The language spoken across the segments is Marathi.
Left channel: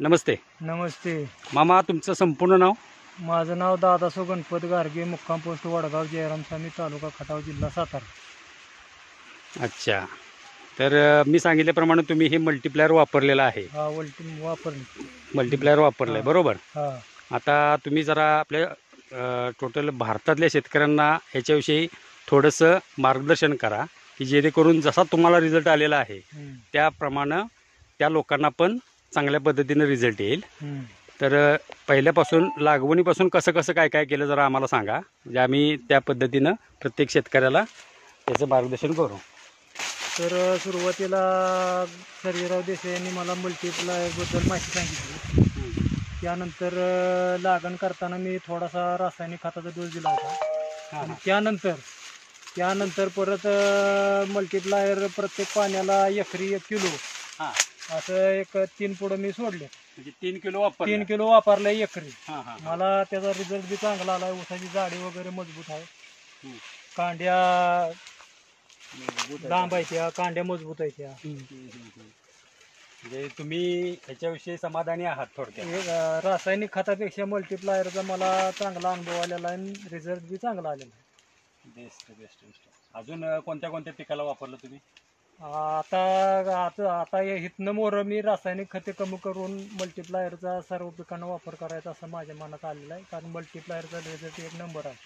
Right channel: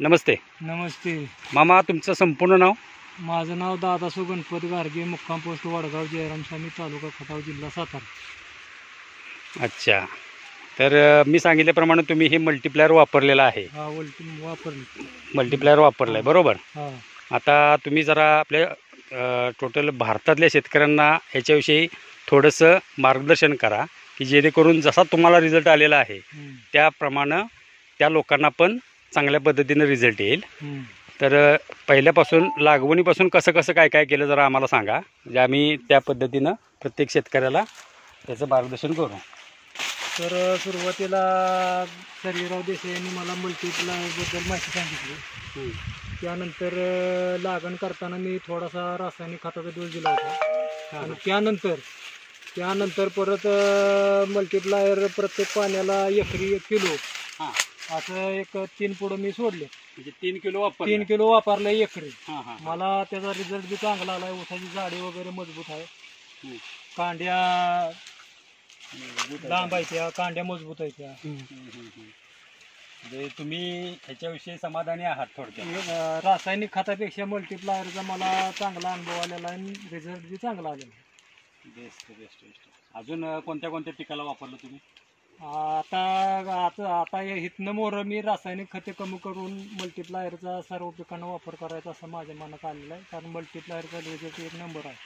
नमस्ते नमस्ते. मामा, तुमचं संपूर्ण नाव? माझं नाव दादासो गणपत गारगे, मुक्काम पोस्ट वडगाव, जयरामसामी, तालुका खटाव, जिल्हा सातारा. अच्छा, तर मी सांगितल्याप्रमाणे तुम्ही हे मल्टीप्लायर वापरलेलं आहे. हा वापरली. मल्टीप्लायर वापरलं आहे, बरोबर? हा. आता तुम्ही जरा आपल्या टोटल भारतातल्या शेतकऱ्यांना ह्याच्याविषयी थोडंसं मार्गदर्शन करा, की जेणेकरून जसा तुम्हाला रिझल्ट आलेला आहे त्याप्रमाणे त्या लोकांना पण चांगल्या पद्धतीने रिझल्ट येईल. तर पहिल्यापासून लागवणीपासून कसं कसं काय काय केलं जरा आम्हाला सांगा, म्हणजे आम्ही त्या पद्धतीनं प्रत्येक शेतकऱ्याला त्याचं मार्गदर्शन करू. तर सुरुवातीला सर्जेराव देसाई यांनी मला मल्टीप्लायरबद्दल माहिती सांगितली. त्यानंतर लागण करताना मी थोडासा रासायनिक खताचा डोस दिला होता. आणि त्यानंतर परत मल्टीप्लायर प्रत्येक पाण्याला एकरी 1 किलो असं एक 3 पुढं मी सोडले. म्हणजे 3 किलो 3 किलो वापरले एकरी. मला त्याचा रिझल्ट बी चांगला आला. ऊसाची जाडी वगैरे मजबूत आहे, कांड्या लांब आहे, त्या कांड्या मजबूत आहे त्या. म्हणजे तुम्ही ह्याच्याविषयी समाधानी आहात थोडक्यात? रासायनिक खतापेक्षा मल्टीप्लायरचा मला चांगला अनुभव आलेला आहे, रिझल्ट बी चांगला आलेला आहे. Best best best. अजून कोणत्या कोणत्या पिकाला वापरलं तुम्ही? आता इथनं मोर मी रासायनिक खते कमी करून मल्टीप्लायरचा सर्व पिकांना वापर करायचा असं माझ्या मनात आलेलं आहे, कारण मल्टीप्लायरचा रिझल्ट 1 नंबर आहे.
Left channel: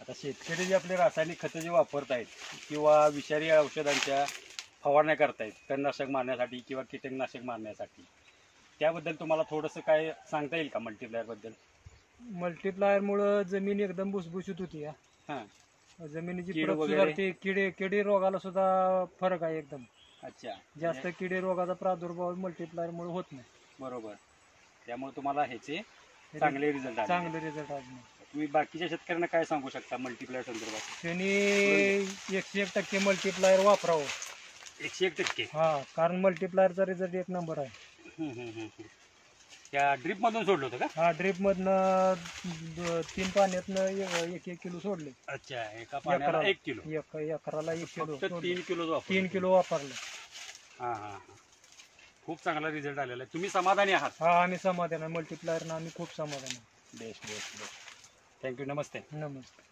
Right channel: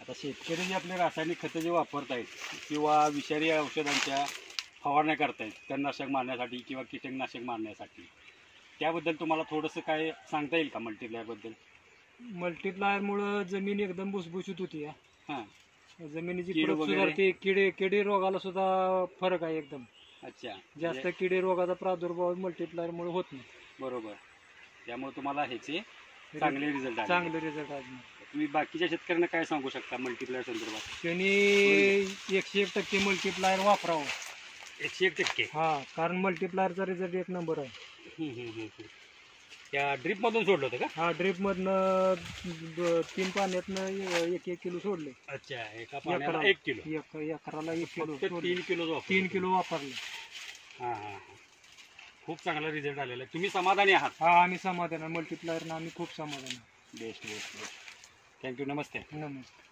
आता शेतकरी जे आपले रासायनिक खते जे वापरतायत किंवा विषारी औषधांच्या फवारण्या करतायत तणनाशक मारण्यासाठी किंवा कीटकनाशक मारण्यासाठी, त्याबद्दल तुम्हाला थोडंसं काय सांगता येईल का मल्टीप्लायरबद्दल? मल्टीप्लायरमुळं जमीन एकदम भुसभुशीत होती. हां, जमिनीची सुधारते. किडे रोगाला सुद्धा फरक आहे एकदम. अच्छा, जास्त किडे रोगाचा प्रादुर्भाव मल्टीप्लायरमुळे होत नाही. बरोबर. त्यामुळे तुम्हाला ह्याचे चांगले रिझल्ट आले. तुम्ही बाकीच्या शेतकऱ्यांना काय सांगू शकता मल्टीप्लायर संदर्भात? त्यांनी 101% मल्टीप्लायर वापरावं. 101%? हा, कारण मल्टीप्लायरचा रिझल्ट 1 नंबर आहे. त्या ड्रीप मधून सोडलं होतं का? हा, ड्रीप मधनं 3 पाण्यातनं 1 किलो सोडले. अच्छा, एका पाण्याला 1 किलो? एकराला 1 किलो. 3 किलो वापरले. हां हां, खूप चांगला रिझल्ट आलेला आहे. तुम्ही समाधानी आहात? हा, आम्ही समाधान आहे. मल्टीप्लायरनं आम्ही खूप समाधान आहे. Best best best. थँक्यू. नमस्ते. नमस्ते.